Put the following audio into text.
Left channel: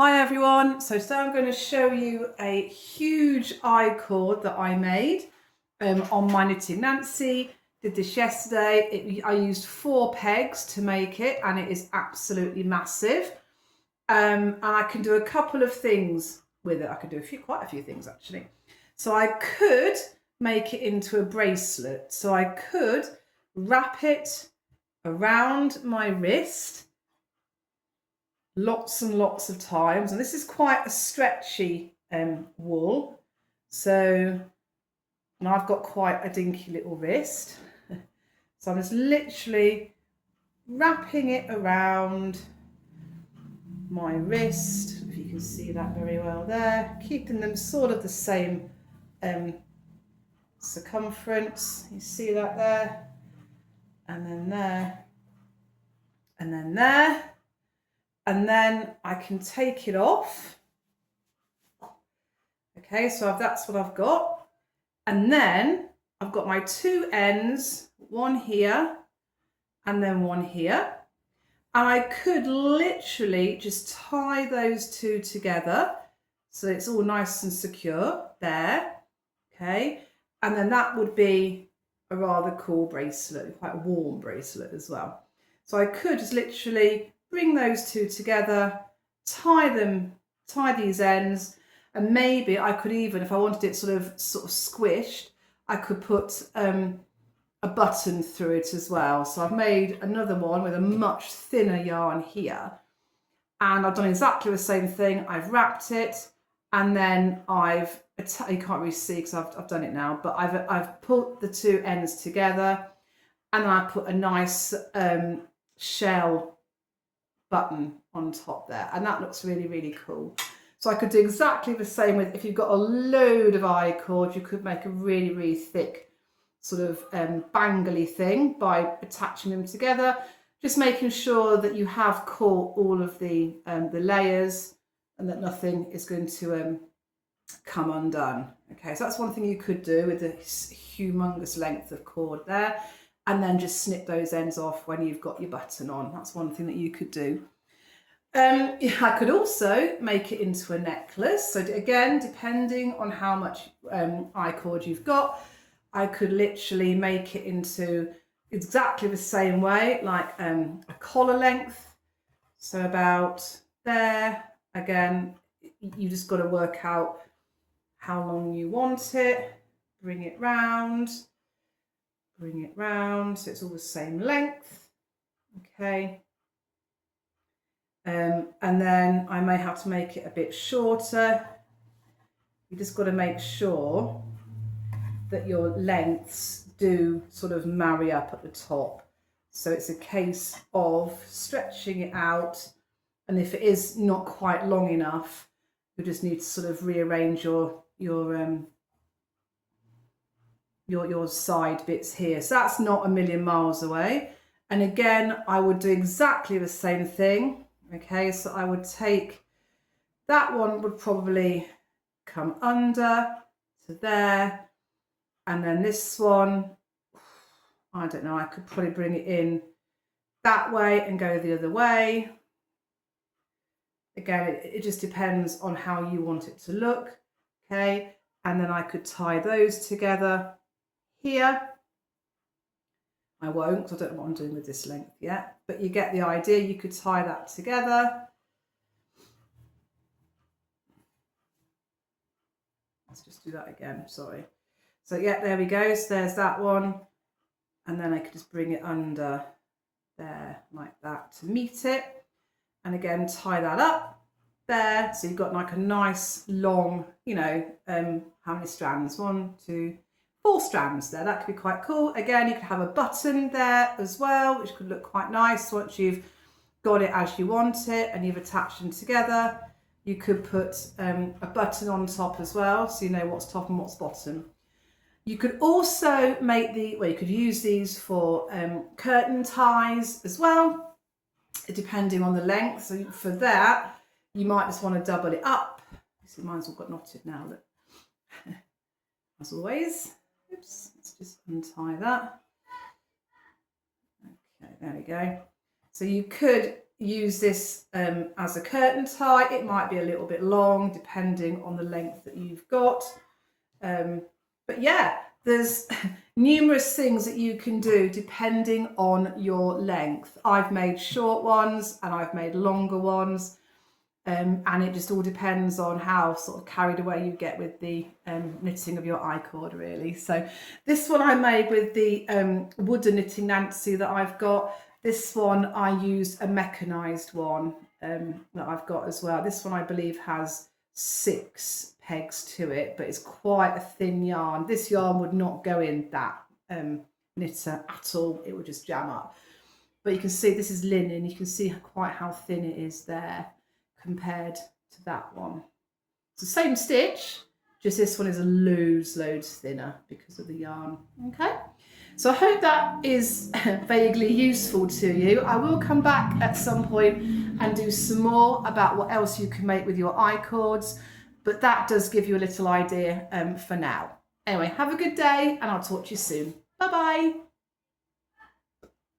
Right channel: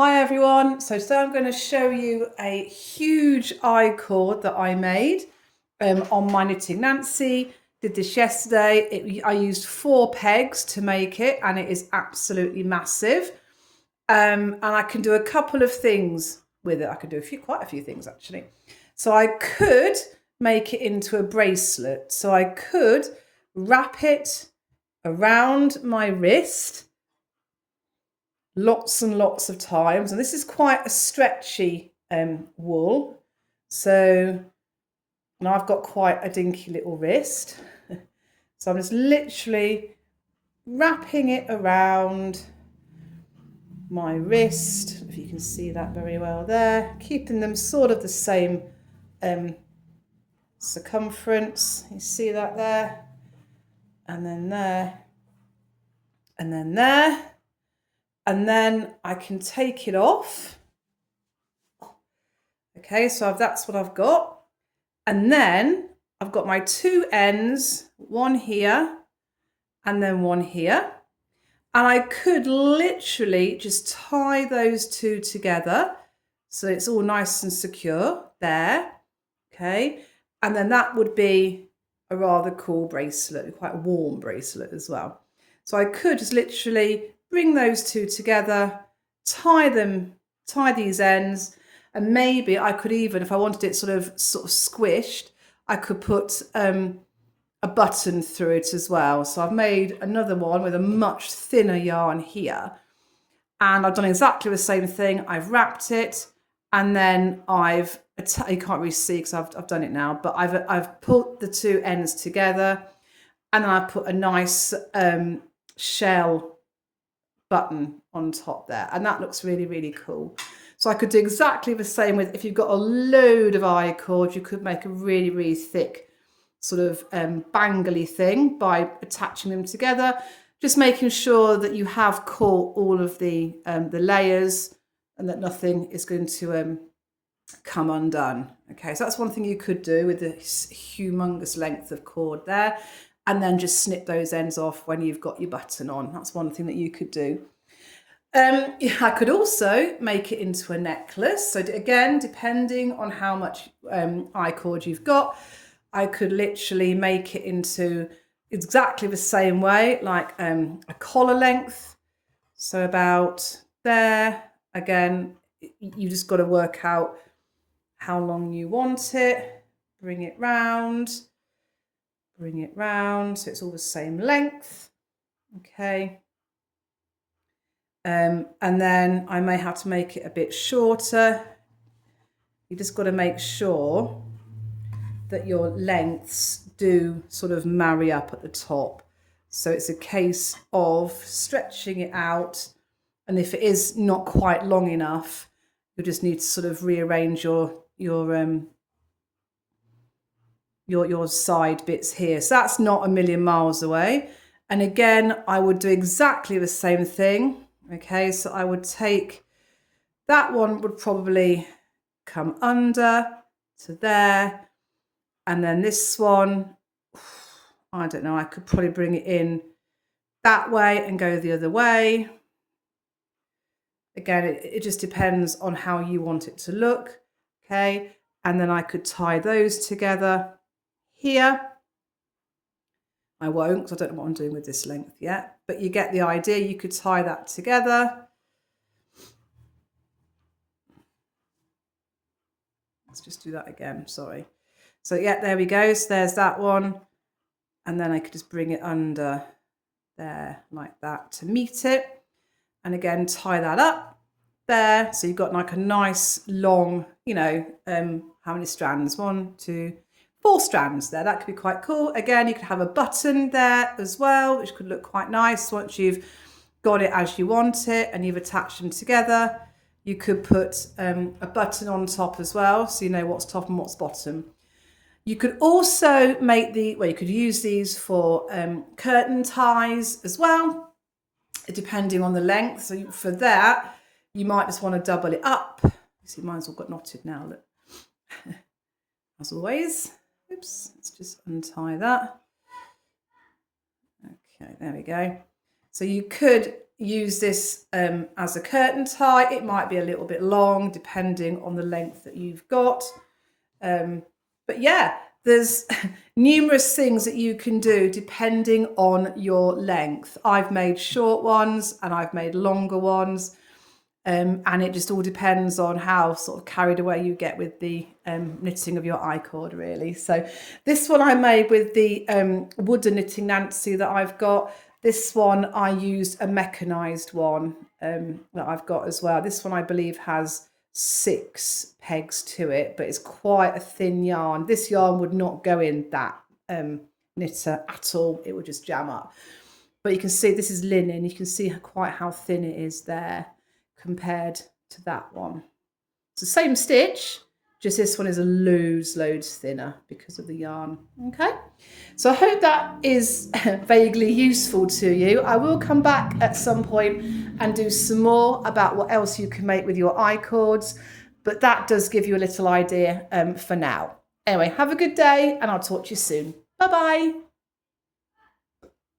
Hi everyone, so today I'm going to show you a huge I-cord that I made on my Knitting Nancy. Did this yesterday. I used 4 pegs to make it and it is absolutely massive. And I can do a couple of things with it. I could do quite a few things actually. So I could make it into a bracelet. So I could wrap it around my wrist lots and lots of times, and this is quite a stretchy wool, so, and I've got quite a dinky little wrist, so I'm just literally wrapping it around my wrist, if you can see that very well there, keeping them sort of the same circumference. You see that there, and then there, and then there. And then I can take it off. Okay, so that's what I've got. And then I've got my 2 ends, one here and then one here. And I could literally just tie those 2 together so it's all nice and secure there. Okay, and then that would be a rather cool bracelet, quite a warm bracelet as well. So I could just literally bring those 2 together, tie these ends, and maybe I could even, if I wanted it sort of squished, I could put a button through it as well. So I've made another one with a much thinner yarn here, and I've done exactly the same thing. I've wrapped it, and then you can't really see because I've done it now, but I've put the 2 ends together, and then I put a nice shell button on top there, and that looks really, really cool. So I could do exactly the same with, if you've got a load of I-cord, you could make a really, really thick sort of bangly thing by attaching them together, just making sure that you have caught all of the layers and that nothing is going to come undone. Okay, so that's one thing you could do with this humongous length of cord there, and then just snip those ends off when you've got your button on. That's one thing that you could do. I could also make it into a necklace. So again, depending on how much I-cord you've got, I could literally make it into exactly the same way, like a collar length. So about there. Again, you just got to work out how long you want it. Bring it round, so it's all the same length. Okay. And then I may have to make it a bit shorter. You just got to make sure that your lengths do sort of marry up at the top. So it's a case of stretching it out, and if it is not quite long enough, you just need to sort of rearrange your side bits here. So that's not a million miles away. And again, I would do exactly the same thing. Okay, so I would take, that one would probably come under to there. And then this one, I don't know, I could probably bring it in that way and go the other way. Again, it just depends on how you want it to look. Okay, and then I could tie those together here. I won't, because I don't know what I'm doing with this length yet, but you get the idea. You could tie that together. Let's just do that again, sorry. So yeah, there we go. So there's that one. And then I could just bring it under there like that to meet it. And again, tie that up there. So you've got like a nice long, you know, how many strands? 1, 2, 4 strands there. That could be quite cool. Again, you could have a button there as well, which could look quite nice once you've got it as you want it and you've attached them together. You could put a button on top as well, so you know what's top and what's bottom. You could also make you could use these for curtain ties as well, depending on the length. So for that, you might just want to double it up. You see, mine's all got knotted now, look. As always. Oops, let's just untie that. Okay, there we go. So you could use this as a curtain tie. It might be a little bit long depending on the length that you've got. But yeah, there's numerous things that you can do depending on your length. I've made short ones and I've made longer ones. And it just all depends on how sort of carried away you get with the knitting of your icord, really. So this one I made with the wooden knitting Nancy that I've got. This one I used a mechanised one that I've got as well. This one I believe has 6 pegs to it, but it's quite a thin yarn. This yarn would not go in that knitter at all. It would just jam up. But you can see this is linen. You can see quite how thin it is there compared to that one. It's the same stitch, just this one is loads thinner because of the yarn. Okay, so I hope that is vaguely useful to you. I will come back at some point and do some more about what else you can make with your icords, but that does give you a little idea for now. Anyway, have a good day and I'll talk to you soon. Bye bye.